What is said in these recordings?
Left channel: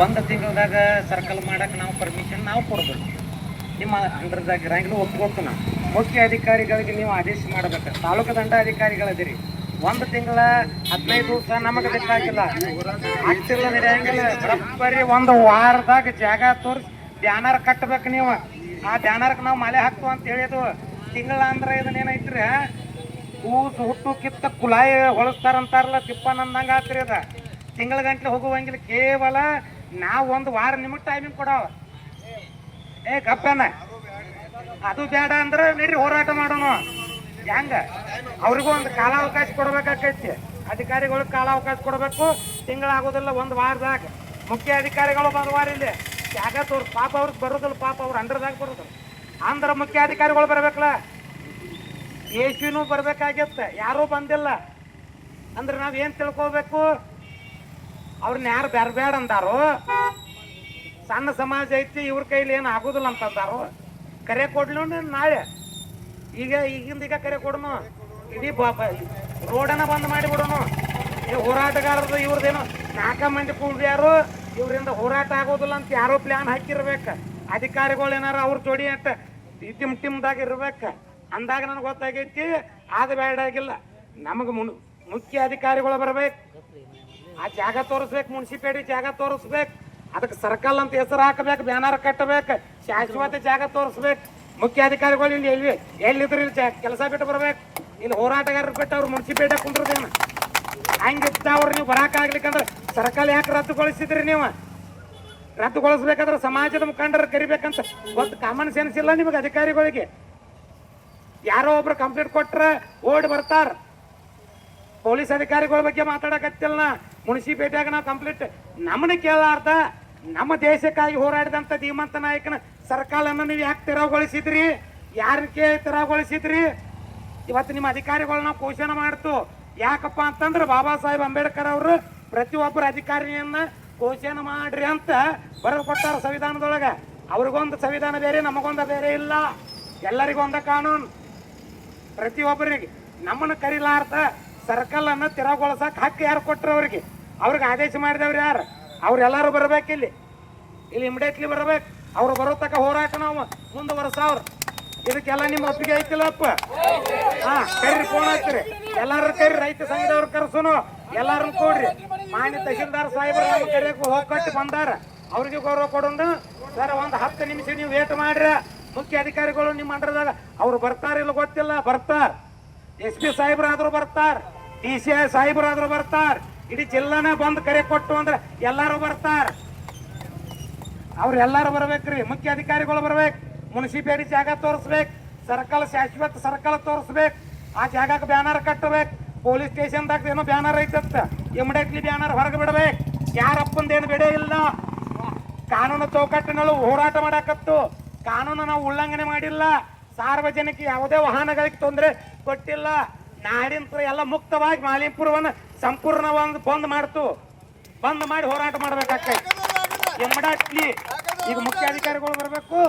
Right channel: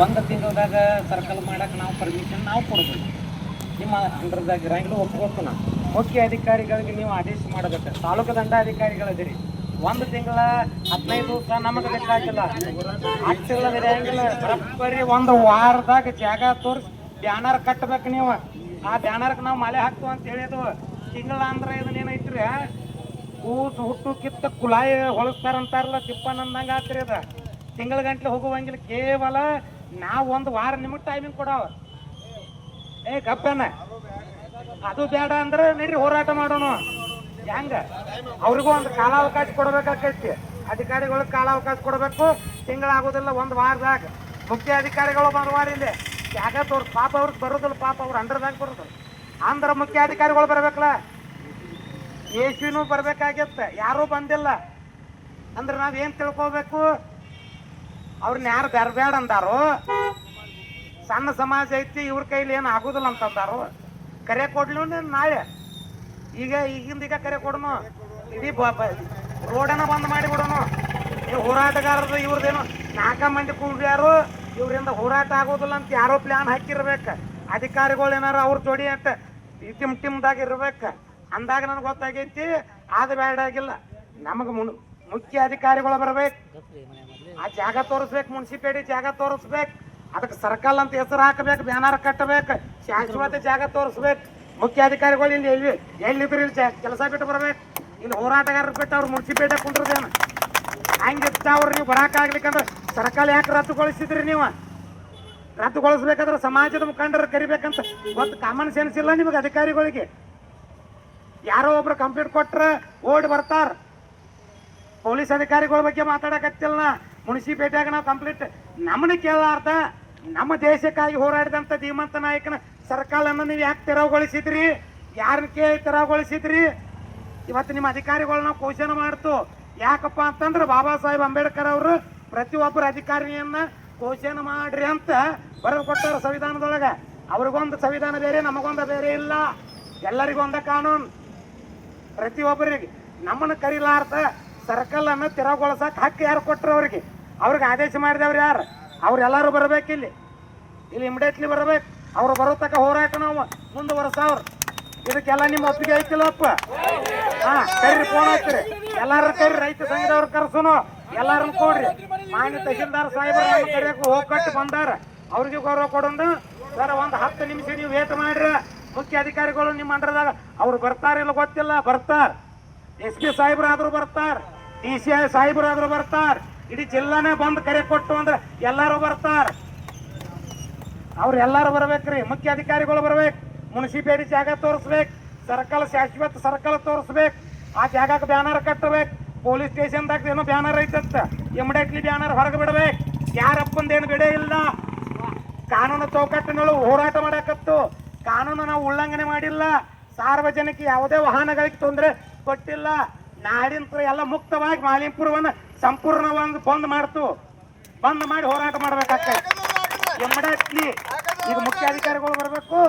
ಒಂದು ತಿಂಗಳದಾಗ ಸರ್ಕಲ್ ಮಾಡಕ್ಕೆ ನಾವು ಪರ್ಮಿಷನ್ ನಾವು ಕೊಡ್ಬೋದು. ನಿಮ್ಮ ಅಂಡರ್ದಾಗ ಇರಂಗಿಲ್ಲ ಒಪ್ಕೊಟ್ಟು ನಾವು ಮುಖ್ಯ ಅಧಿಕಾರಿಗಳಿಗೆ ನೀವು ಆದೇಶ ಮಾಡಬೇಕು. ತಾಲೂಕು ದಂಡಾಧಿಕಾರಿಗಳದಿರಿ, ಒಂದು ತಿಂಗಳ 15 ದಿವಸ ನಮಗೆ ಬೇಕಾಗಿಲ್ಲ, ಆಗ್ತಿಲ್ಲ ನಡೆಯಂಗಿಲ್ಲ. ಬರೋಬ್ಬರಿ ಒಂದು ವಾರದಾಗ ಜಾಗ ತೋರಿಸಿ ಬ್ಯಾನರ್ ಕಟ್ಟಬೇಕು ನೀವು. ಆ ಬ್ಯಾನರ್ಗೆ ನಾವು ಮಳೆ ಹಾಕ್ತು ಅಂತ ಹೇಳಿದ್ವು. ತಿಂಗಳ ಅಂದ್ರೆ ಇದನ್ನೇನೈತ್ರಿ, ಕೂಸು ಹುಟ್ಟು ಕಿತ್ತ ಕುಲಾಯಿ ಹೊಳಸ್ತಾರಂತಾರಲ್ಲ, ತಿಪ್ಪನಂದಂಗೆ ಆತ್ರಿ ಅದ. ತಿಂಗಳ ಗಂಟ್ಲೆ ಹೋಗುವಂಗಿಲ್ಲ. ಕೇವಲ ನಾವು ಒಂದು ವಾರ ನಿಮಗೆ ಟೈಮಿಂಗ್ ಕೊಡವ. ಗಪ್ಪನ ಅದು ಬೇಡ ಅಂದ್ರೆ ನಡ್ರಿ ಹೋರಾಟ ಮಾಡೋಣ. ಹೆಂಗ ಅವ್ರಿಗೂ ಒಂದು ಕಾಲಾವಕಾಶ ಕೊಡ್ಬೇಕಾಕೈತಿ. ಅಧಿಕಾರಿಗಳಿಗೆ ಕಾಲಾವಕಾಶ ಕೊಡಬೇಕು. ತಿಂಗಳಾಗೋದಿಲ್ಲ, ಒಂದು ವಾರದಾಗ. ಮುಖ್ಯ ಅಧಿಕಾರಿಗಳು ಒಂದು ವಾರ ಇಲ್ಲಿ ಜಾಗ ತೋರ್ಸ್. ಪಾಪ ಅವ್ರಿಗೆ ಬರೋದಿಲ್ಲ, ಪಾಪ ಅವ್ರು ಅಂಡರ್ದಾಗ ಬರೋದಿಲ್ಲ ಅಂದ್ರೆ ಮುಖ್ಯ ಅಧಿಕಾರಿಗಳು ಬರ್ಬೇಕಲ್ಲ. ಎ.ಸಿ.ನೂ ಬರ್ಬೇಕಾಗಿತ್ತ, ಯಾರೂ ಬಂದಿಲ್ಲ ಅಂದ್ರೆ ನಾವೇನು ತಿಳ್ಕೋಬೇಕು? ಅವ್ರನ್ನ ಯಾರು ಬೇಡ ಅಂದಾರೋ? ಸಣ್ಣ ಸಮಾಜ ಐತಿ, ಇವ್ರ ಕೈಲಿ ಏನು ಆಗೋದಿಲ್ಲ ಅಂತಂದಾರೋ? ಕರೆ ಕೊಡ್ಲಿ ನಾಳೆ, ಈಗಿಂದ ಕರೆ ಕೊಡೋನು. ಇಡೀ ರೋಡನ್ನ ಬಂದ್ ಮಾಡಿ ಬಿಡೋನು. ಹೋರಾಟಗಾರರು ಇವ್ರದೇನು 4 ಮಂದಿ ಕೂಡ್ಯಾರು, ಇವರಿಂದ ಹೋರಾಟ ಆಗೋದಿಲ್ಲ ಅಂತ ಯಾರೋ ಪ್ಲಾನ್ ಹಾಕಿರ್ಬೇಕು. ಅಧಿಕಾರಿಗಳು ಏನಾರ ಅವ್ರ ಜೋಡಿ ಅಂತ ಟಿಮ್ದಾಗ ಇರ್ಬೇಕು. ಅಂದಾಗ ನನಗೆ ಗೊತ್ತಾಗೈತಿ ಅದು ಬೇಡಾಗಿಲ್ಲ. ನಮಗೆ ಮುಖ್ಯ ಅಧಿಕಾರಿಗಳು ಬರ್ಬೇಕು, ಆ ಜಾಗ ತೋರಿಸ್ಬೇಕು, ಮುನ್ಸಿಪಾಲಿಟಿ ಜಾಗ ತೋರಿಸ್ಬೇಕು, ಅದಕ್ಕೆ ಸರ್ಕಲ್ ಅಂತ ಹೆಸರು ಹಾಕಬೇಕು, ಬ್ಯಾನರ್ ಕಟ್ಟಬೇಕು, ಶಾಶ್ವತ ಜಾಗ ತೋರಿಸ್ಬೇಕು. ಮುಖ್ಯ ಅಧಿಕಾರಿಗಳು ಇಲ್ಲಿ ಎಲ್ಲಿದ್ರು ಇಲ್ಲಿ ಕೆಲಸ ಬಿಟ್ಟು ಬರ್ಬೇಕು. ಇಲ್ಲಿ ಹೋರಾಟಗಾರರು ಬಿಟ್ಟು ಅವ್ರು ಮುನ್ಸಿಪಾಲಿಟಿ ಕುಂಡ್ರದೇನು ಹಂಗಿತ್ತ. ಅವ್ರು ನೀವು ಬರಾಕಾಗ್ಲಿಕ್ಕಂದ್ರೆ ಸರ್ಕಲ್ ಯಾಕೆ ರದ್ದುಗೊಳಿಸಿದ್ರಿ? ನೀವು ರದ್ದುಗೊಳಿಸ್ಬೇಕಾದ್ರೆ ಸಮಾಜದ ಮುಖಂಡರು ಕರಿಬೇಕಂತ ಗೊತ್ತು. ಕಾಮನ್ ಸೆನ್ಸ್ ಇಲ್ಲ ನಿಮಗೆ ಅಧಿಕಾರಿಗಳಿಗೆ. ಯಾರೋ ಒಬ್ರು ಕಂಪ್ಲೇಂಟ್ ಕೊಟ್ರೆ ಓಡಿ ಬರ್ತಾರ. ಪೊಲೀಸ್ ಅಧಿಕಾರಿಗಳ ಬಗ್ಗೆ ಮಾತಾಡಕತ್ತಿಲ್ಲ. ಮುನ್ಸಿಪಾಲಿಟಿಯಾಗ ನಾವು ಕಂಪ್ಲೇಂಟ್ ನಮ್ಮನ್ನ ಕೇಳಾರ್ದ ನಮ್ಮ ದೇಶಕ್ಕಾಗಿ ಹೋರಾಡಿದಂಥ ಧೀಮಂತ ನಾಯಕನ ಸರ್ಕಲನ್ನು ನೀವು ಯಾಕೆ ತೆರವುಗೊಳಿಸಿದ್ರಿ? ಯಾರಕ್ಕೆ ತೆರವುಗೊಳಿಸಿದ್ರಿ? ಇವತ್ತು ನಿಮ್ಮ ಅಧಿಕಾರಿಗಳನ್ನ ಕ್ವಶನ್ ಮಾಡ್ತು. ಯಾಕಪ್ಪ ಅಂತಂದ್ರೆ ಬಾಬಾ ಸಾಹೇಬ್ ಅಂಬೇಡ್ಕರ್ ಅವರು ಪ್ರತಿಯೊಬ್ಬರ ಅಧಿಕಾರಿಯನ್ನ ಕ್ವಶನ್ ಮಾಡ್ರಿ ಅಂತ ಬರೆದು ಕೊಟ್ಟಾರ ಸಂವಿಧಾನದೊಳಗೆ. ಅವ್ರಿಗೊಂದು ಸಂವಿಧಾನ ಬೇರೆ, ನಮಗೊಂದು ಬೇರೆ ಇಲ್ಲ. ಎಲ್ಲರಿಗೊಂದ ಕಾನೂನು. ಪ್ರತಿಯೊಬ್ಬರಿಗೆ ನಮ್ಮನ್ನು ಕರಿಲಾರ್ದ ಸರ್ಕಲ್ ಅನ್ನು ತೆರವುಗೊಳಿಸಕ್ ಹಕ್ಕು ಯಾರು ಕೊಟ್ಟರು? ಅವ್ರಿಗೆ ಆದೇಶ ಮಾಡಿದವ್ರು ಯಾರು? ಅವ್ರೆಲ್ಲರೂ ಬರ್ಬೇಕಿಲ್ಲಿ. ಇಲ್ಲಿ ಇಮಿಡಿಯೇಟ್ಲಿ ಬರ್ಬೇಕು. ಅವ್ರು ಬರೋ ತಕ್ಕ ಹೋರಾಟ ನಾವು ಮುಂದುವರೆಸವ್ರು. ಇದಕ್ಕೆಲ್ಲ ನಿಮ್ಮ ಒಪ್ಪಿಗೆ ಐತಿಲ್ಲಪ್ಪ? ಕರ್ರಿ, ಫೋನ್ ಹಾಕ್ರಿ, ಎಲ್ಲಾರು ಕರ್ರಿ. ರೈತ ಸಂಘದವ್ರು ಕರ್ಸುನು, ಎಲ್ಲಾರನ್ನು ಕೊಡ್ರಿ. ಮಾನ್ಯ ತಹಶೀಲ್ದಾರ್ ಸಾಹೇಬರು ಕರೆಯಕ್ಕೆ ಹೋಗ್ಕಟ್ಟು ಬಂದಾರ. ಅವ್ರಿಗೆ ಗೌರವ ಕೊಡೋಣ. ಸರ್ ಒಂದು 10 ನಿಮಿಷ ನೀವು ವೇಟ್ ಮಾಡ್ರಿ. ಮುಖ್ಯ ಅಧಿಕಾರಿಗಳು ನಿಮ್ಮ ಅಂಡರ್ದಾಗ ಅವ್ರು ಬರ್ತಾರಿಲ್ಲ ಗೊತ್ತಿಲ್ಲ, ಬರ್ತಾರ. SP ಸಾಹೇಬ್ರಾದ್ರು ಬರ್ತಾರ, DCI ಸಾಹೇಬ್ರಾದ್ರು ಬರ್ತಾರ. ಇಡೀ ಜಿಲ್ಲಾನೇ ಬಂದು ಕರೆ ಕೊಟ್ಟು ಅಂದ್ರೆ ಎಲ್ಲಾರು ಬರ್ತಾರ. ಅವ್ರೆಲ್ಲಾರು ಬರ್ಬೇಕ್ರಿ. ಮುಖ್ಯ ಅಧಿಕಾರಿಗಳು ಬರ್ಬೇಕು. ಮುನ್ಸಿಪಾಲಿಟಿ ಜಾಗ ತೋರಿಸ್ಬೇಕು, ಸರ್ಕಲ್ ಶಾಶ್ವತ ಸರ್ಕಲ್ ತೋರಿಸ್ಬೇಕು, ಆ ಜಾಗಕ್ಕೆ ಬ್ಯಾನರ್ ಕಟ್ಟಬೇಕು. ಪೊಲೀಸ್ ಸ್ಟೇಷನ್ದಾಗ ಏನೋ ಬ್ಯಾನರ್ ಐತತ್ತ, ಇಮಿಡಿಯೇಟ್ಲಿ ಬ್ಯಾನರ್ ಹೊರಗೆ ಬಿಡಬೇಕು. ಯಾರಪ್ಪಂದೇನು ಬಿಡೇ ಇಲ್ಲ. ಕಾನೂನು ಚೌಕಟ್ಟಿನೊಳಗೆ ಹೋರಾಟ ಮಾಡಕತ್ತು. ಕಾನೂನು ನಾವು ಉಲ್ಲಂಘನೆ ಮಾಡಿಲ್ಲ. ಸಾರ್ವಜನಿಕ ಯಾವುದೇ ವಾಹನಗಳಿಗೆ ತೊಂದರೆ ಕೊಟ್ಟಿಲ್ಲ. ನಾಡಿನ ಎಲ್ಲ ಮುಕ್ತವಾಗಿ ಮಾಲಿನ್ಯಪುರವನ್ನು ಸಂಪೂರ್ಣವಾಗಿ ಬಂದ್ ಮಾಡಿ ಹೋರಾಟ ಮಾಡ್ಬೇಕಾಗ್ತದೆ. ಇಮಿಡಿಯೇಟ್ಲಿ ಈಗ ಮುಖ್ಯ ಅಧಿಕಾರಿಗಳು ಬರಬೇಕು.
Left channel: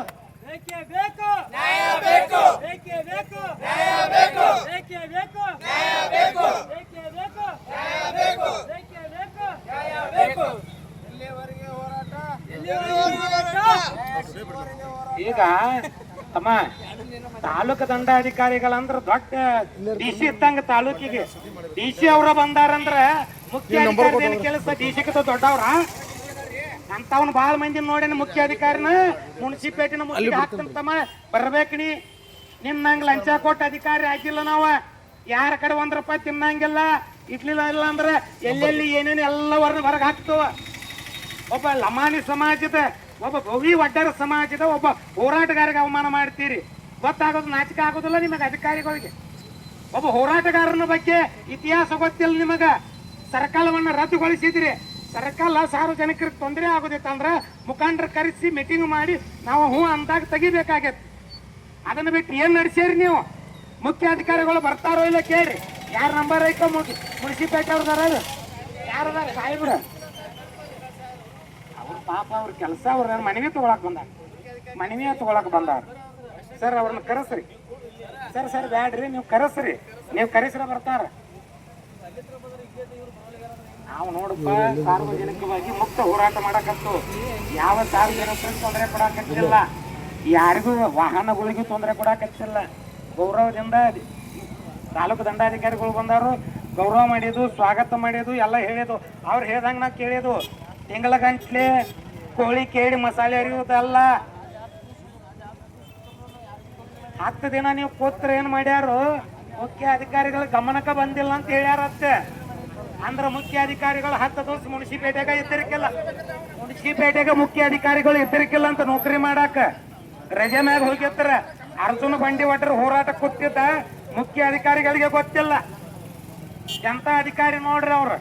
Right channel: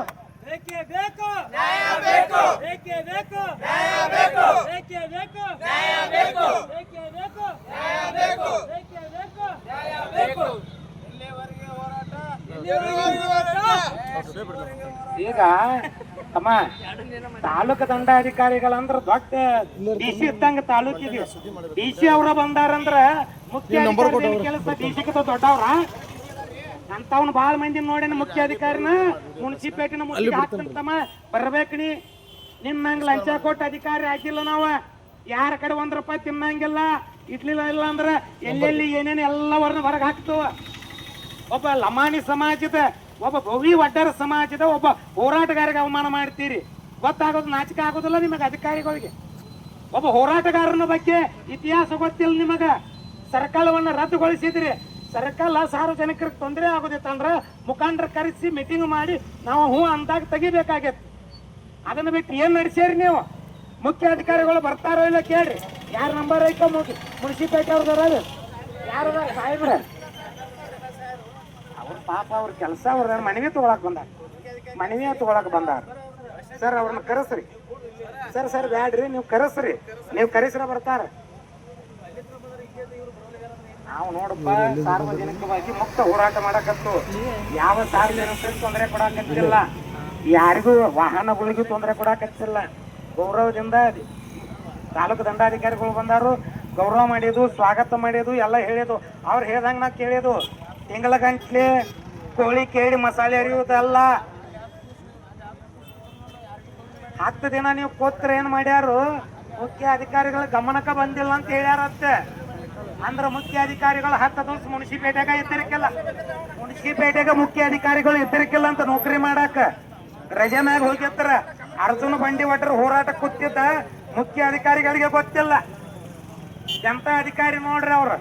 ಈಗ ಅಮ್ಮ ತಾಲೂಕು ದಂಡಾಧಿಕಾರಿಗಳಂದ್ರ ದೊಡ್ಡ DC ಇದ್ದಂಗ ತಾಲೂಕಿಗೆ. DC ಅವ್ರ ಬಂದಾರಂದ್ರ ಮುಖ್ಯ ಕೆಲಸ DC ದೊಡ್ಡವ್ರ ಅಂತವ್ನ ಬಾಳ ಮಂದಿ ನೋಡೇನ. ಮುಖ್ಯ ಅಧಿಕಾರಿನ ಮುನ್ಸಿಪಾಲಿಟಿನ ಹಾಕ್ತಂತಮ್ಮ ಬರ್ಬೇಕಣಿ. ನಿನ್ನಂಗ ಲಂಚ ಕೊಟ್ಟು ಅಧಿಕಾರಿ ಹಾಕಿಲ್ಲ ನಾವು. ಯಾರ ಕಡೆ 1 ರೂಪಾಯಿ ತಿನ್ನಂಗಿಲ್ಲ. ಇಡ್ಲಿಲ್ಲ ಇಲ್ಲ ಅಂದ್ರೆ ಎಲ್ಲೆಲ್ಲಿ ಏನೇನು ಎಲ್ಲವರನ್ನ ಹೊರಗೆ ಹಾಕ್ತವ. ಒಬ್ಬ ಲಮಾಣಿ ಸಮಾಜದ, ಒಬ್ಬ ಭವಿ ವಡ್ಡರ ಸಮಾಜದ ಒಬ್ಬ ಹೋರಾಟಗಾರಿಗೆ ಅವಮಾನ ಮಾಡ್ತೀರಿ. ಗೊತ್ತಾಗೋದು ನಾಚಿಕೆ ಆಗೋದಿಲ್ಲ ನಿಮಗೆ ಅಧಿಕಾರಿಗಳಿಗೆ? ಒಬ್ಬ ಹೋರಾಟಗಾರನ ಬಗ್ಗೆ ಇತಿಹಾಸ ಗೊತ್ತಿಲ್ಲ ನಿಮಗ. ಸರ್ಕಲವನ್ನು ರದ್ದುಗೊಳಿಸಿದ್ರಿ. ಸರ್ಕಲ್ ಸಾರ್ವಜನಿಕರಿಗೆ ತೊಂದರೆ ಆಗೋದಿತ್ತಂದ್ರೆ ಮುಖಂಡರು ಕರೆಸಿ ಮೀಟಿಂಗ್ ಮಾಡಿ ನಾವು ಹ್ಞೂ ಅಂದಾಗ ತೆಗಿಬೇಕಾಗೈತಿ. ಅದನ್ನು ಬಿಟ್ಟು ಏನು ನಡೆಸೇರಿ ನೀವು? ಮುಖ್ಯ ಅಧಿಕಾರಿಗಳು ಬರ್ತಾರೋ ಇಲ್ಲ ಕೇಳ್ರಿ. ಯಾರ ನಂಬರ್ ಐತೋ ಮುನ್ಸಿಪಾಲಿಟಿ ಅವ್ರದಾರ, ಯಾರು ಸಾಹೇಬ್ರ ಅವ್ರ ಪಾಪ ಅವ್ರ ಕೆಲಸ ಅವ್ರ ಮನವಿ ತಗೊಳಕ್ ಬಂದಾರ. ಸರ್ ಅವ್ರನ್ನ ಕರೆಸ್ರಿ. ಸರ್ ಬ್ಯಾಡ್ರಿ, ನೀವು ಕರೆಸ್ರಿ. ನೀವು ಕರೆಸ್ರ ಬರ್ತಾರ. ನಾವು ನೋಡಪ್ಪ ಸಾರ್ವಜನಿಕವಾಗಿ ಮುಕ್ತ ಹೋರಾಟ ಮಾಡಕತ್ತು. ಯಾವ ಸಾರ್ವಜನಿಕರಿಗೆ ತೊಂದರೆ ಕೊಡಾಕತ್ತಿಲ್ಲ, ಯಾರಿಗೂ ವಾಹನಗಳಿಗೂ ತೊಂದರೆ ಕೊಡಾಕತ್ತಿಲ್ಲ. ಗೌರವದಿಂದ ತಾಲೂಕು ದಂಡಾಧಿಕಾರಿಗಳು ಬಂದಾರು, ಗೌರವ ಮಾಡಿದ್ದು, ಸ್ವಾಗತ ಮಾಡಿದ್ದು ಎಲ್ಲ ಹೇಳಿದ್ದು. ಅವ್ರು ಹೇಳ್ದಂಗೆ ನಾ ಕೇಳಿದ್ದು. ತಿಂಗಳ ಗಂಟ್ಲೆ ಕೋಳಿ ಕೇಳಿ ಮಸಾಲೆ ಅರಿಯುವುದಲ್ಲ. 10 ದಿನ ನೀವು ಕೂತ್ರ ಏನ್ ಮಾಡ್ಯಾರು, ಮುಖ್ಯ ಅಧಿಕಾರಿಗಳ ಗಮನಕ್ಕೆ ಬಂದಿಲ್ಲ ಅಂತ ಹೇಳ್ಯಾರತ್ತೆ. ಅಂದ್ರೆ ಮುಖ್ಯ ಅಧಿಕಾರಿಗಳು 10 ದಿವಸ ಮುನ್ಸಿಪೇಟೆಗ ಇದ್ದಿರಕ್ಕಿಲ್ಲ, ಮುನ್ಸಿಪೇಟೆಗೆ ಮುಖ್ಯ ಅಧಿಕಾರಿಗಳು ಇದ್ದಿರಕ್ಕಿಲ್ಲ ಅಂತ ನೌಕರಿ ಮಾಡಾಕ ರಜೆ ಮ್ಯಾಗ ಹೋಗಿರ್ತಾರ. ಅರ್ಜುನ ಬಂಡಿ ಒಟ್ಟರು ಹೋರಾಟ ಕೂತಿದ್ದ ಮುಖ್ಯ ಅಧಿಕಾರಿಗಳಿಗೆ ಗೊತ್ತಿಲ್ಲ. ಜನತಾ ಅಧಿಕಾರಿ ನೋಡ್ರಿ ಅವ್ರು